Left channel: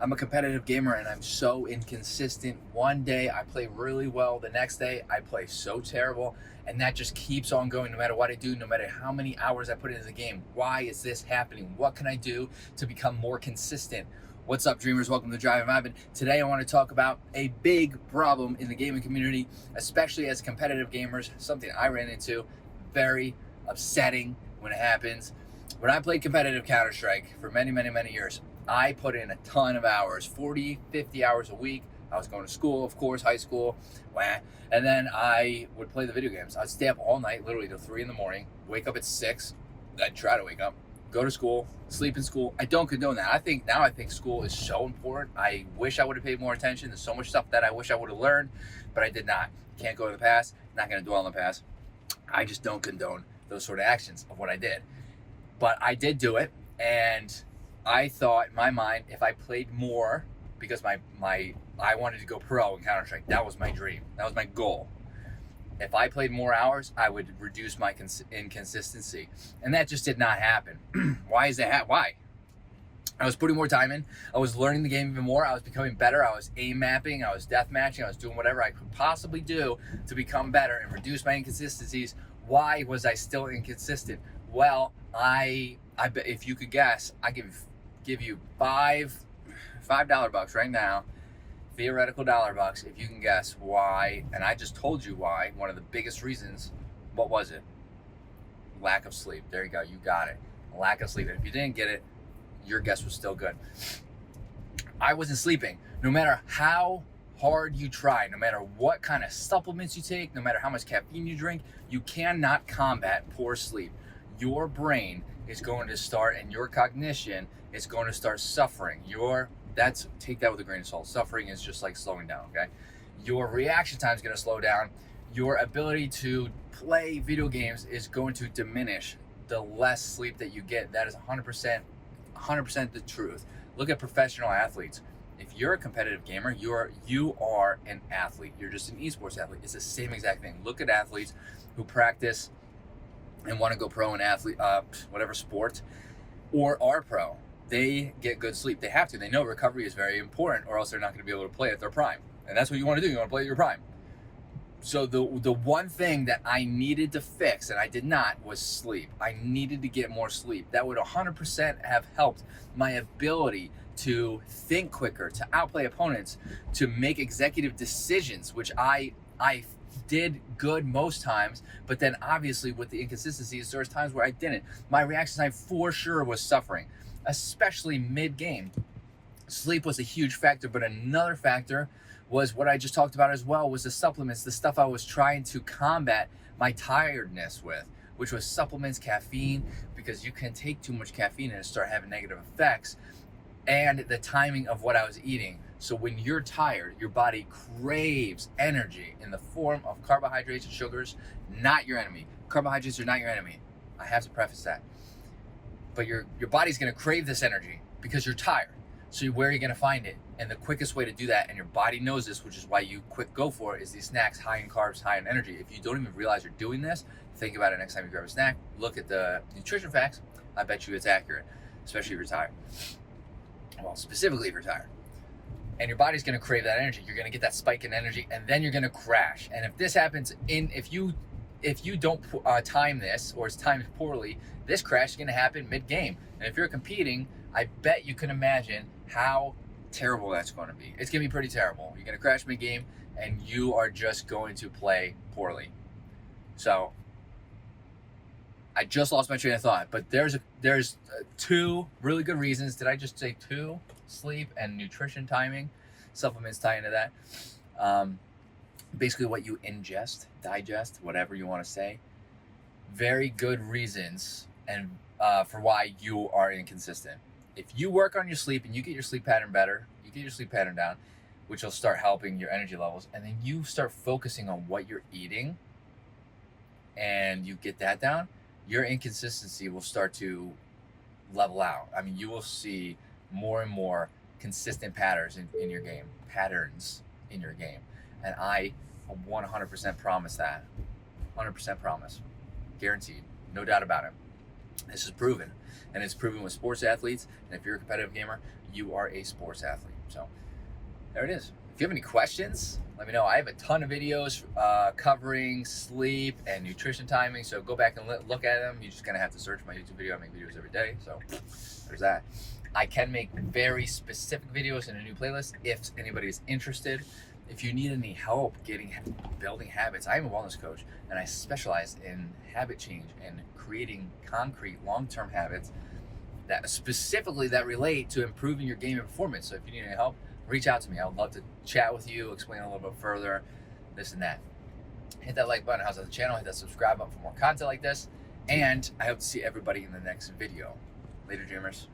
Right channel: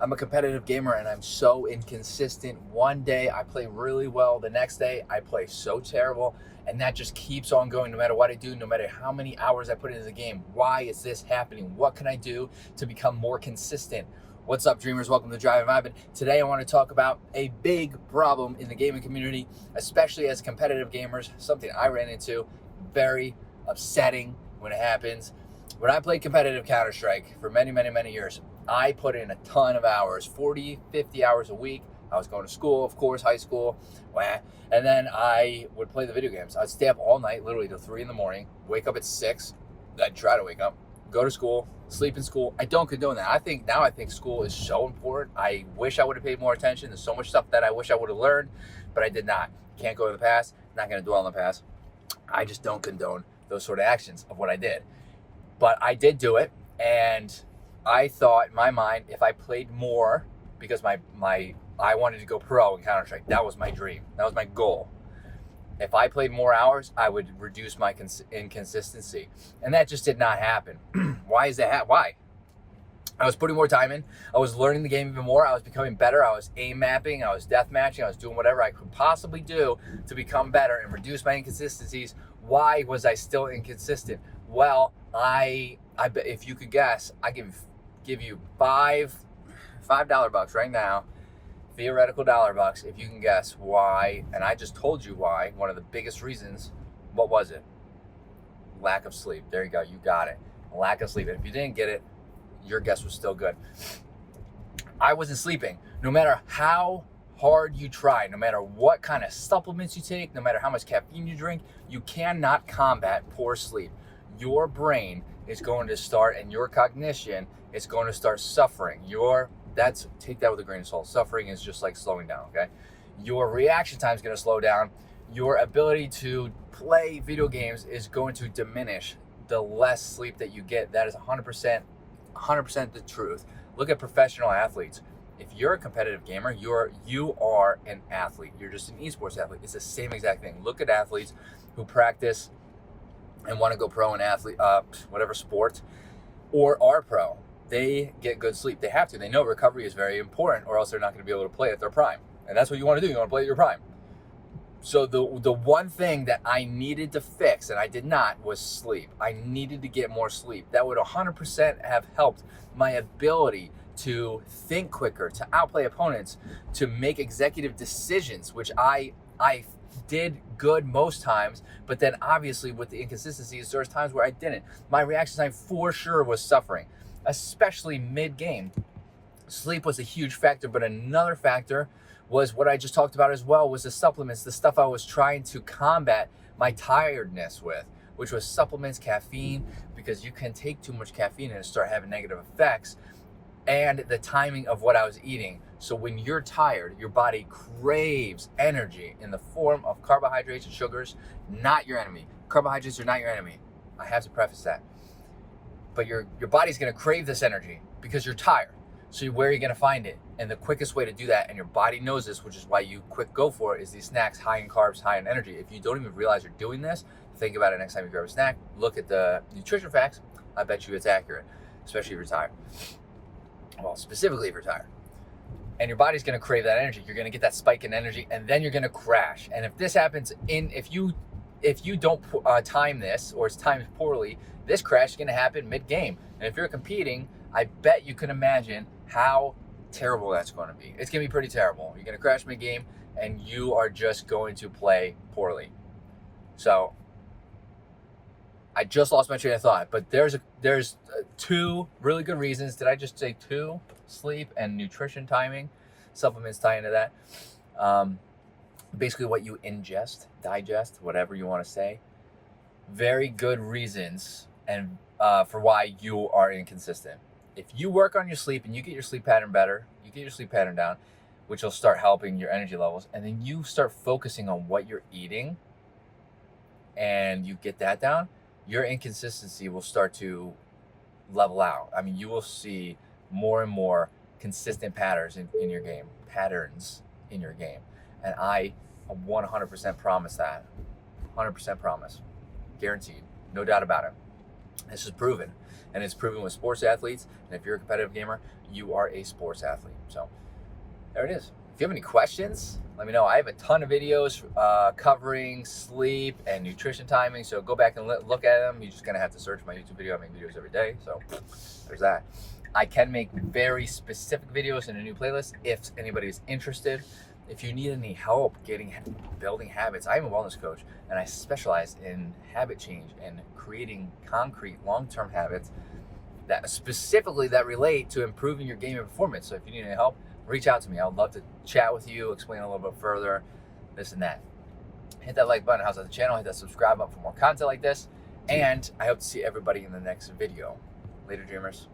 I'm a competitive gamer and I'm so inconsistent. One day I play really well, the next day I play so terrible, and that just keeps on going no matter what I do, no matter how many hours I put into the game. Why is this happening? What can I do to become more consistent? What's up, dreamers? Welcome to Drive and Vibin. Today I want to talk about a big problem in the gaming community, especially as competitive gamers, something I ran into, very upsetting when it happens. When I played competitive Counter-Strike for many years, I put in a ton of hours, 40, 50 hours a week. I was going to school, of course, high school, and then I would play the video games. I'd stay up all night, literally till 3 in the morning, wake up at 6. I'd try to wake up, go to school, sleep in school. I don't condone that. I think school is so important. I wish I would have paid more attention. There's so much stuff that I wish I would have learned, but I did not. Can't go to the past, not going to dwell on the past. I just don't condone those sort of actions of what I did. But I did do it, and I thought in my mind, if I played more, because I wanted to go pro in Counter-Strike. That was my dream. That was my goal. If I played more hours, I would reduce my inconsistency. And that just did not happen. Why is that? Why? I was putting more time in. I was learning the game even more. I was becoming better. I was aim mapping. I was death matching. I was doing whatever I could possibly do to become better and reduce my inconsistencies. Why was I still inconsistent? Well, I bet if you could guess, I give you $5 bucks right now, theoretical $1 if you can guess why. And I just told you why. One of the biggest reasons. What was it? Lack of sleep. There you go. You got it. Lack of sleep. And if you didn't get it, your guess was still good. I wasn't sleeping. No matter how hard you try, no matter what kind of supplements you take, no matter how much caffeine you drink, you cannot combat poor sleep. Your brain is going to start, and your cognition is going to start suffering. Take that with a grain of salt. Suffering is just like slowing down, okay? Your reaction time is going to slow down. Your ability to play video games is going to diminish the less sleep that you get. That is 100% the truth. Look at professional athletes. If you're a competitive gamer, you are an athlete. You're just an esports athlete. It's the same exact thing. Look at athletes who practice and want to go pro in whatever sport, or are pro. They get good sleep. They have to. They know recovery is very important, or else they're not going to be able to play at their prime. And that's what you want to do. You want to play at your prime. So the one thing that I needed to fix, and I did not, was sleep. I needed to get more sleep. That would 100% have helped my ability to think quicker, to outplay opponents, to make executive decisions, which I did good most times, but then obviously with the inconsistencies, there was times where I didn't. My reaction time for sure was suffering, especially mid-game. Sleep was a huge factor, but another factor was what I just talked about as well, was the supplements, the stuff I was trying to combat my tiredness with, which was supplements, caffeine, because you can take too much caffeine and start having negative effects, and the timing of what I was eating. So when you're tired, your body craves energy in the form of carbohydrates and sugars, not your enemy. Carbohydrates are not your enemy. I have to preface that. But your body's gonna crave this energy because you're tired. So where are you gonna find it? And the quickest way to do that, and your body knows this, which is why you go for it, is these snacks high in carbs, high in energy. If you don't even realize you're doing this, think about it next time you grab a snack. Look at the nutrition facts. I bet you it's accurate, especially if you're tired. Well, specifically if you're tired. And your body's gonna crave that energy. You're gonna get that spike in energy, and then you're gonna crash. And if this happens if you don't time this, or it's timed poorly, this crash is gonna happen mid-game. And if you're competing, I bet you can imagine how terrible that's gonna be. It's gonna be pretty terrible. You're gonna crash mid-game, and you are just going to play poorly. So I just lost my train of thought, but there's two really good reasons. Did I just say two? Sleep and nutrition timing. Supplements tie into that. Basically what you ingest, digest, whatever you want to say. Very good reasons and for why you are inconsistent. If you work on your sleep and you get your sleep pattern better, you get your sleep pattern down, which will start helping your energy levels, and then you start focusing on what you're eating and you get that down, your inconsistency will start to level out. I mean, you will see more and more consistent patterns in your game. And I 100% promise that. 100% promise. Guaranteed. No doubt about it. This is proven, and it's proven with sports athletes. And if you're a competitive gamer, you are a sports athlete. So there it is. If you have any questions, let me know. I have a ton of videos covering sleep and nutrition timing, so go back and look at them. You're just gonna have to search my YouTube video. I make videos every day, so there's that. I can make very specific videos in a new playlist if anybody's interested. If you need any help building habits, I am a wellness coach, and I specialize in habit change and creating concrete long-term habits that specifically that relate to improving your gaming performance. So if you need any help, reach out to me. I would love to chat with you, explain a little bit further, this and that. Hit that like button, how's on the channel, hit that subscribe button for more content like this, and I hope to see everybody in the next video. Later, dreamers.